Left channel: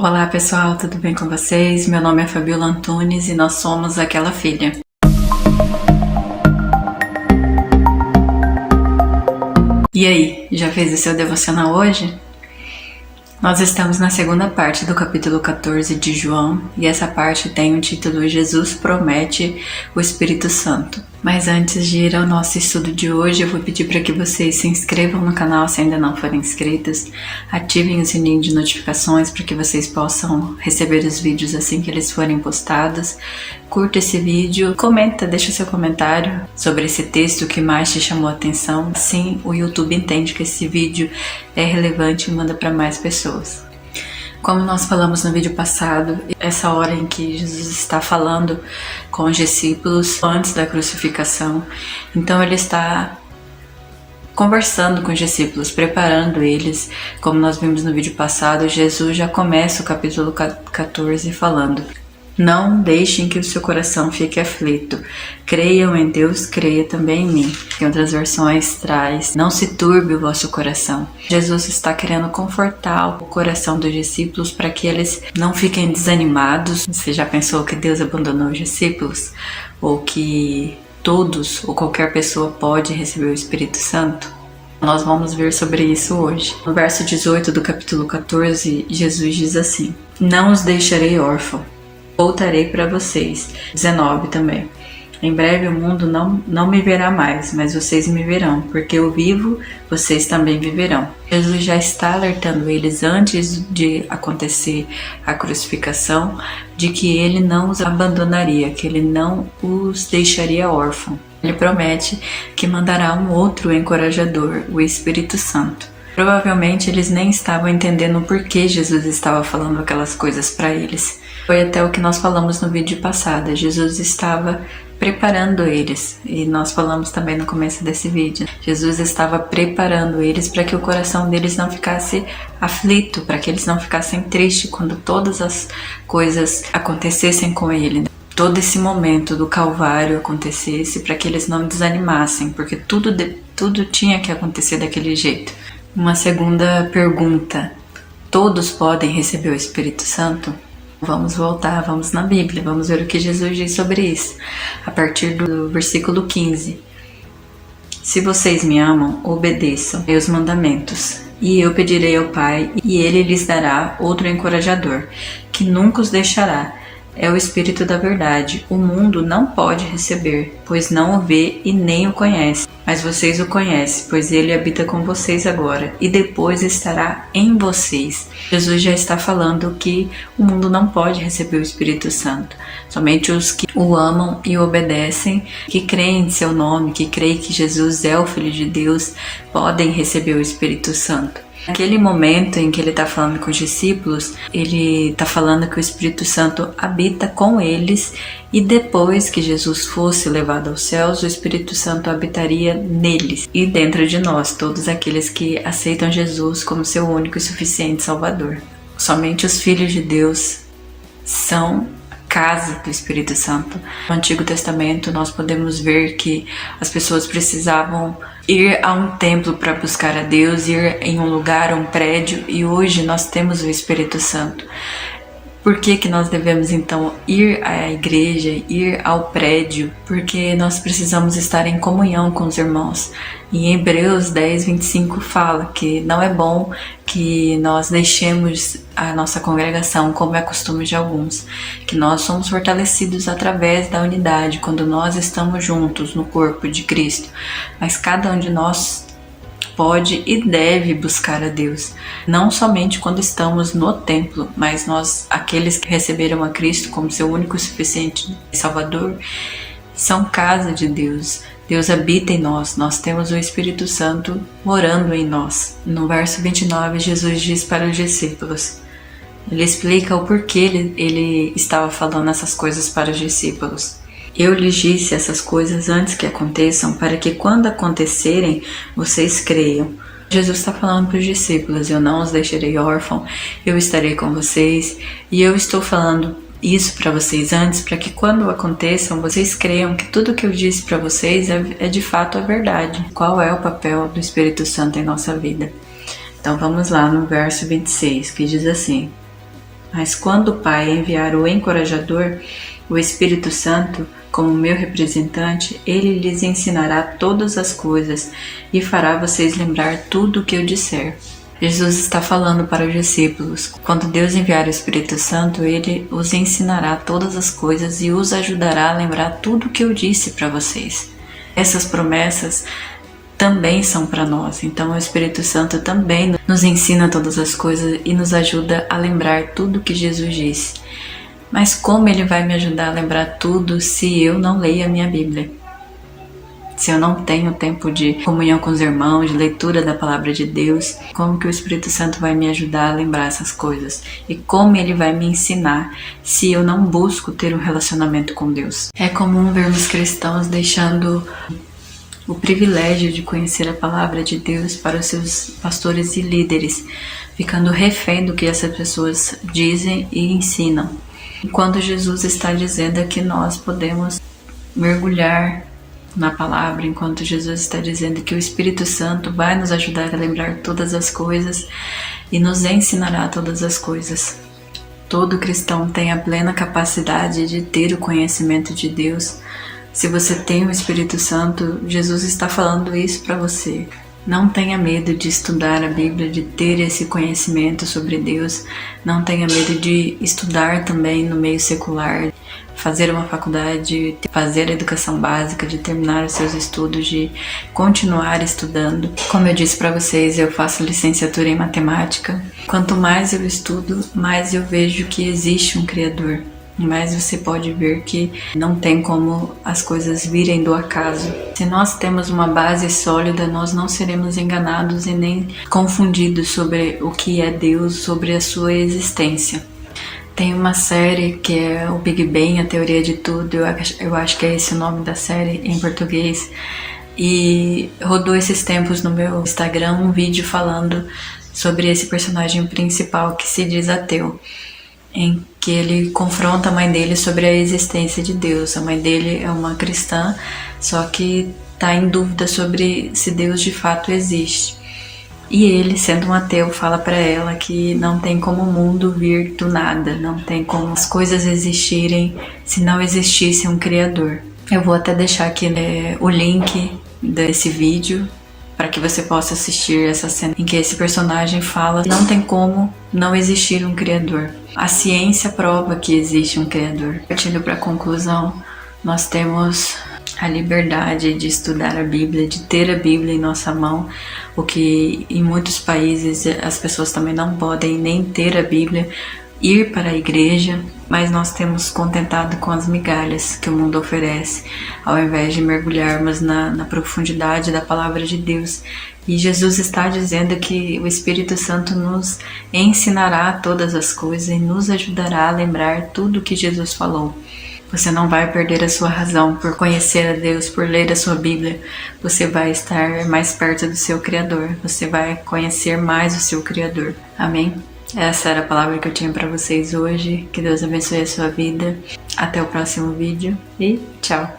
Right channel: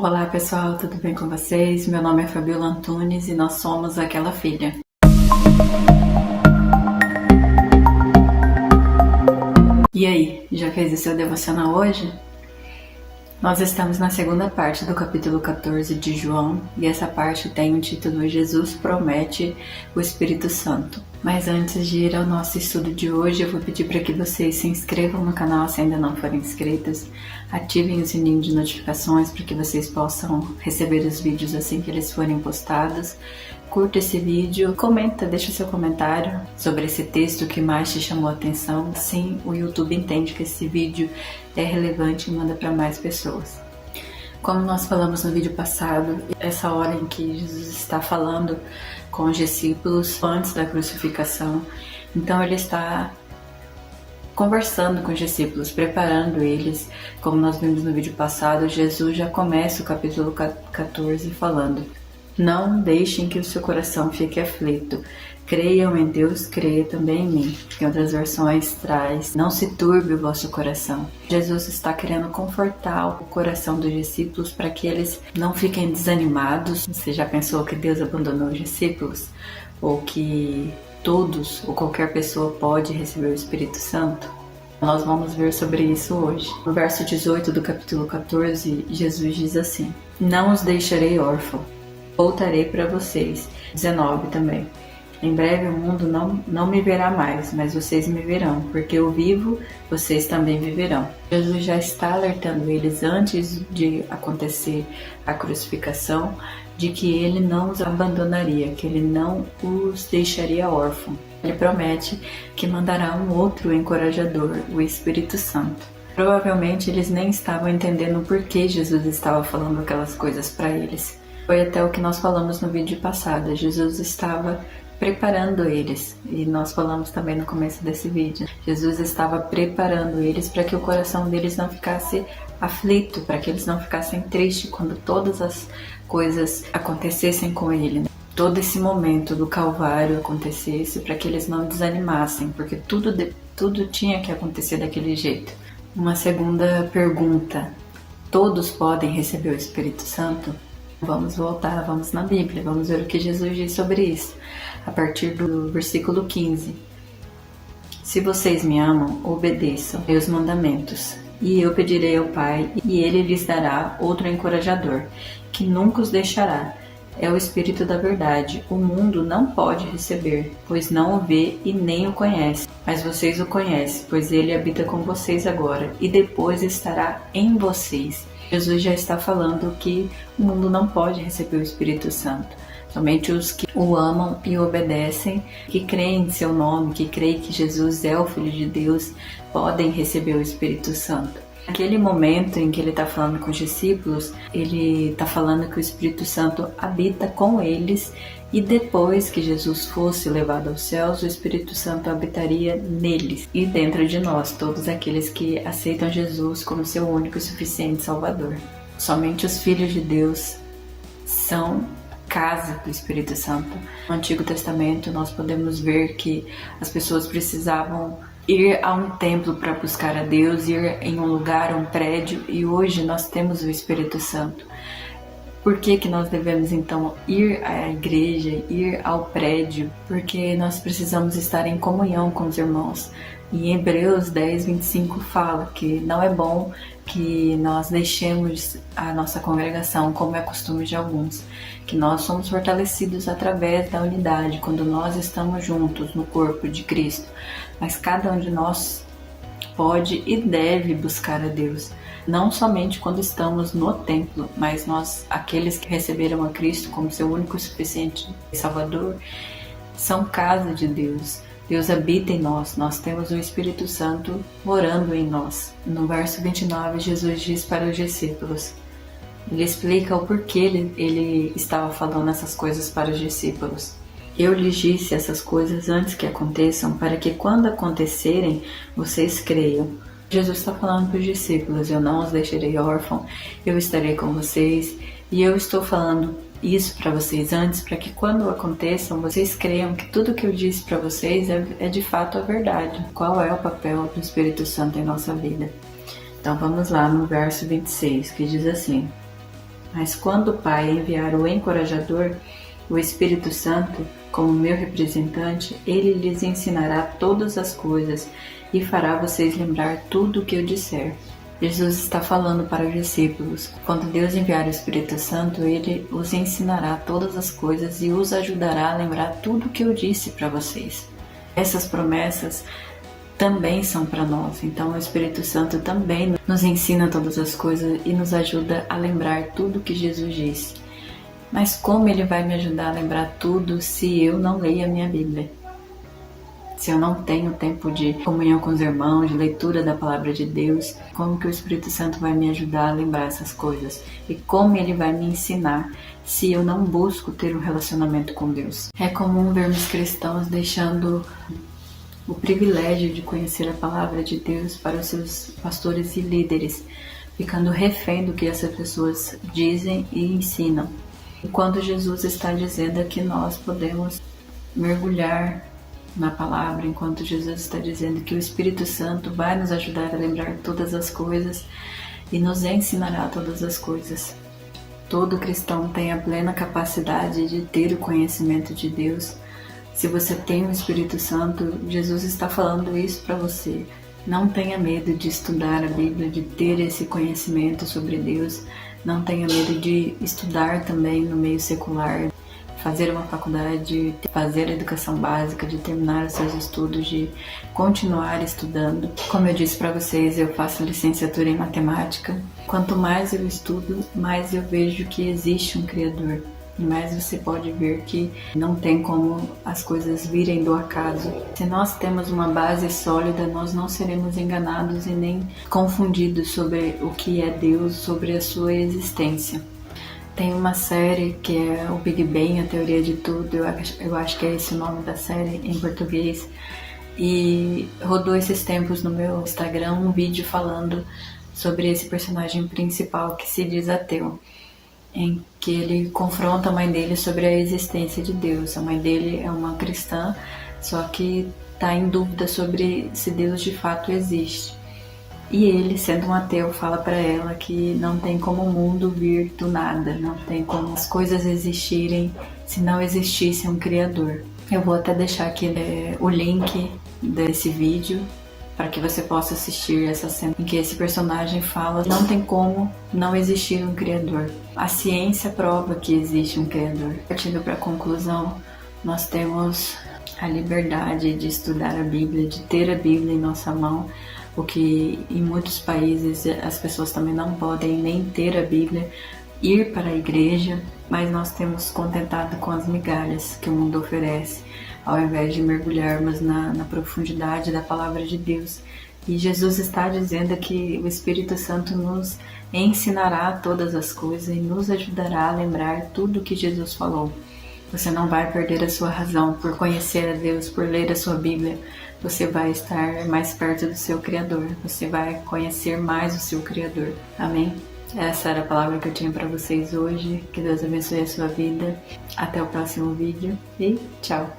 Olá pessoal, tudo bem com vocês? Meu nome é Fabiola Antunes e nós somos Aquela Filha. E aí, já fez o seu devocional hoje? Nós estamos na segunda parte do capítulo 14 de João e essa parte tem o título Jesus promete o Espírito Santo. Mas antes de ir ao nosso estudo de hoje, eu vou pedir para que vocês se inscrevam no canal se ainda não forem inscritos, ativem o sininho de notificações para que vocês possam receber os vídeos assim que eles forem postados. Curta esse vídeo, comenta, deixa seu comentário sobre esse texto que mais te chamou a atenção. Assim, o YouTube entende que esse vídeo é relevante e manda para mais pessoas. Como nós falamos no vídeo passado, essa hora em que Jesus está falando com os discípulos antes da crucificação, então ele está conversando com os discípulos, preparando eles. Como nós vimos no vídeo passado, Jesus já começa o capítulo 14 falando: não deixem que o seu coração fique aflito. Creiam em Deus, creia também em mim. Em outras versões traz: não se turbe o vosso coração. Jesus está querendo confortar o coração dos discípulos para que eles não fiquem desanimados. Você já pensou que Deus abandonou os discípulos? Ou que todos ou qualquer pessoa pode receber o Espírito Santo? Nós vamos ver sobre isso hoje. No verso 18 do capítulo 14, Jesus diz assim: não os deixarei órfãos, voltarei para vocês. 19 também: em breve o mundo não me verá mais, mas vocês me verão, porque eu vivo, vocês também viverão. Jesus já está alertando eles antes de acontecer a crucificação, de que ele não os abandonaria, que ele não os deixaria órfãos. Ele promete que mandará um outro encorajador, o Espírito Santo. Provavelmente eles nem estavam entendendo o porquê Jesus estava falando aquelas coisas para eles. Foi até o que nós falamos no vídeo passado. Jesus estava preparando eles, e nós falamos também no começo desse vídeo. Jesus estava preparando eles para que o coração deles não ficasse aflito, para que eles não ficassem tristes quando todas as coisas acontecessem com ele. Todo esse momento do Calvário acontecesse, para que eles não desanimassem, porque tudo tinha que acontecer daquele jeito. Uma segunda pergunta: todos podem receber o Espírito Santo? Vamos voltar, vamos na Bíblia, vamos ver o que Jesus diz sobre isso. A partir do versículo 15. Se vocês me amam, obedeçam meus mandamentos. E eu pedirei ao Pai, e Ele lhes dará outro encorajador, que nunca os deixará. É o Espírito da verdade. O mundo não pode receber, pois não o vê e nem o conhece. Mas vocês o conhecem, pois ele habita com vocês agora e depois estará em vocês. Jesus já está falando que o mundo não pode receber o Espírito Santo. Somente os que o amam e obedecem, que creem em seu nome, que creem que Jesus é o Filho de Deus, podem receber o Espírito Santo. Naquele momento em que ele está falando com os discípulos, ele está falando que o Espírito Santo habita com eles, e depois que Jesus fosse levado aos céus, o Espírito Santo habitaria neles e dentro de nós, todos aqueles que aceitam Jesus como seu único e suficiente Salvador. Somente os filhos de Deus são casa do Espírito Santo. No Antigo Testamento nós podemos ver que as pessoas precisavam ir a um templo para buscar a Deus, ir em um lugar, um prédio, e hoje nós temos o Espírito Santo. Por que nós devemos então ir à igreja, ir ao prédio? Porque nós precisamos estar em comunhão com os irmãos. E em Hebreus 10, 25 fala que não é bom que nós deixemos a nossa congregação, como é costume de alguns, que nós somos fortalecidos através da unidade, quando nós estamos juntos no corpo de Cristo. Mas cada um de nós pode e deve buscar a Deus, não somente quando estamos no templo, mas nós, aqueles que receberam a Cristo como seu único e suficiente Salvador, são casa de Deus. Deus habita em nós, nós temos o Espírito Santo morando em nós. No verso 29, Jesus diz para os discípulos, ele explica o porquê ele estava falando essas coisas para os discípulos. Eu lhes disse essas coisas antes que aconteçam, para que quando acontecerem, vocês creiam. Jesus está falando para os discípulos: eu não os deixarei órfãos, eu estarei com vocês, e eu estou falando isso para vocês antes, para que quando aconteçam, vocês creiam que tudo que eu disse para vocês é de fato a verdade. Qual é o papel do Espírito Santo em nossa vida? Então vamos lá no verso 26, que diz assim: Mas quando o Pai enviar o encorajador, o Espírito Santo, como meu representante, ele lhes ensinará todas as coisas e fará vocês lembrar tudo o que eu disser. Jesus está falando para os discípulos. Quando Deus enviar o Espírito Santo, ele os ensinará todas as coisas e os ajudará a lembrar tudo o que eu disse para vocês. Essas promessas também são para nós. Então o Espírito Santo também nos ensina todas as coisas e nos ajuda a lembrar tudo o que Jesus disse. Mas como ele vai me ajudar a lembrar tudo se eu não leio a minha Bíblia? Se eu não tenho tempo de comunhão com os irmãos, de leitura da palavra de Deus, como que o Espírito Santo vai me ajudar a lembrar essas coisas? E como ele vai me ensinar se eu não busco ter um relacionamento com Deus? É comum vermos cristãos deixando o privilégio de conhecer a palavra de Deus para os seus pastores e líderes, ficando refém do que essas pessoas dizem e ensinam. Enquanto Jesus está dizendo que nós podemos mergulhar na palavra, enquanto Jesus está dizendo que o Espírito Santo vai nos ajudar a lembrar todas as coisas e nos ensinará todas as coisas. Todo cristão tem a plena capacidade de ter o conhecimento de Deus. Se você tem o Espírito Santo, Jesus está falando isso para você. Não tenha medo de estudar a Bíblia, de ter esse conhecimento sobre Deus. Não tenha medo de estudar também no meio secular, fazer uma faculdade, fazer a educação básica, de terminar os seus estudos, de continuar estudando. Como eu disse para vocês, eu faço licenciatura em matemática. Quanto mais eu estudo, mais eu vejo que existe um Criador. E mais você pode ver que não tem como as coisas virem do acaso. Se nós temos uma base sólida, nós não seremos enganados e nem confundidos sobre o que é Deus, sobre a sua existência. Tem uma série que é o Big Bang, a teoria de tudo, eu acho que é esse o nome da série em português. E rodou esses tempos no meu Instagram um vídeo falando sobre esse personagem principal que se diz ateu, em que ele confronta a mãe dele sobre a existência de Deus. A mãe dele é uma cristã, só que está em dúvida sobre se Deus de fato existe. E ele, sendo um ateu, fala para ela que não tem como o mundo vir do nada, não tem como as coisas existirem se não existisse um Criador. Eu vou até deixar aqui o link desse vídeo para que você possa assistir essa cena em que esse personagem fala que não tem como não existir um Criador. A ciência prova que existe um Criador. Partindo para a conclusão, nós temos a liberdade de estudar a Bíblia, de ter a Bíblia em nossa mão, o que em muitos países as pessoas também não podem nem ter a Bíblia, ir para a igreja, mas nós temos contentado com as migalhas que o mundo oferece, ao invés de mergulharmos na profundidade da palavra de Deus. E Jesus está dizendo que o Espírito Santo nos ensinará todas as coisas e nos ajudará a lembrar tudo o que Jesus falou. Você não vai perder a sua razão por conhecer a Deus, por ler a sua Bíblia. Você vai estar mais perto do seu Criador. Você vai conhecer mais o seu Criador. Amém? Essa era a palavra que eu tinha para vocês hoje. Que Deus abençoe a sua vida. Até o próximo vídeo e tchau!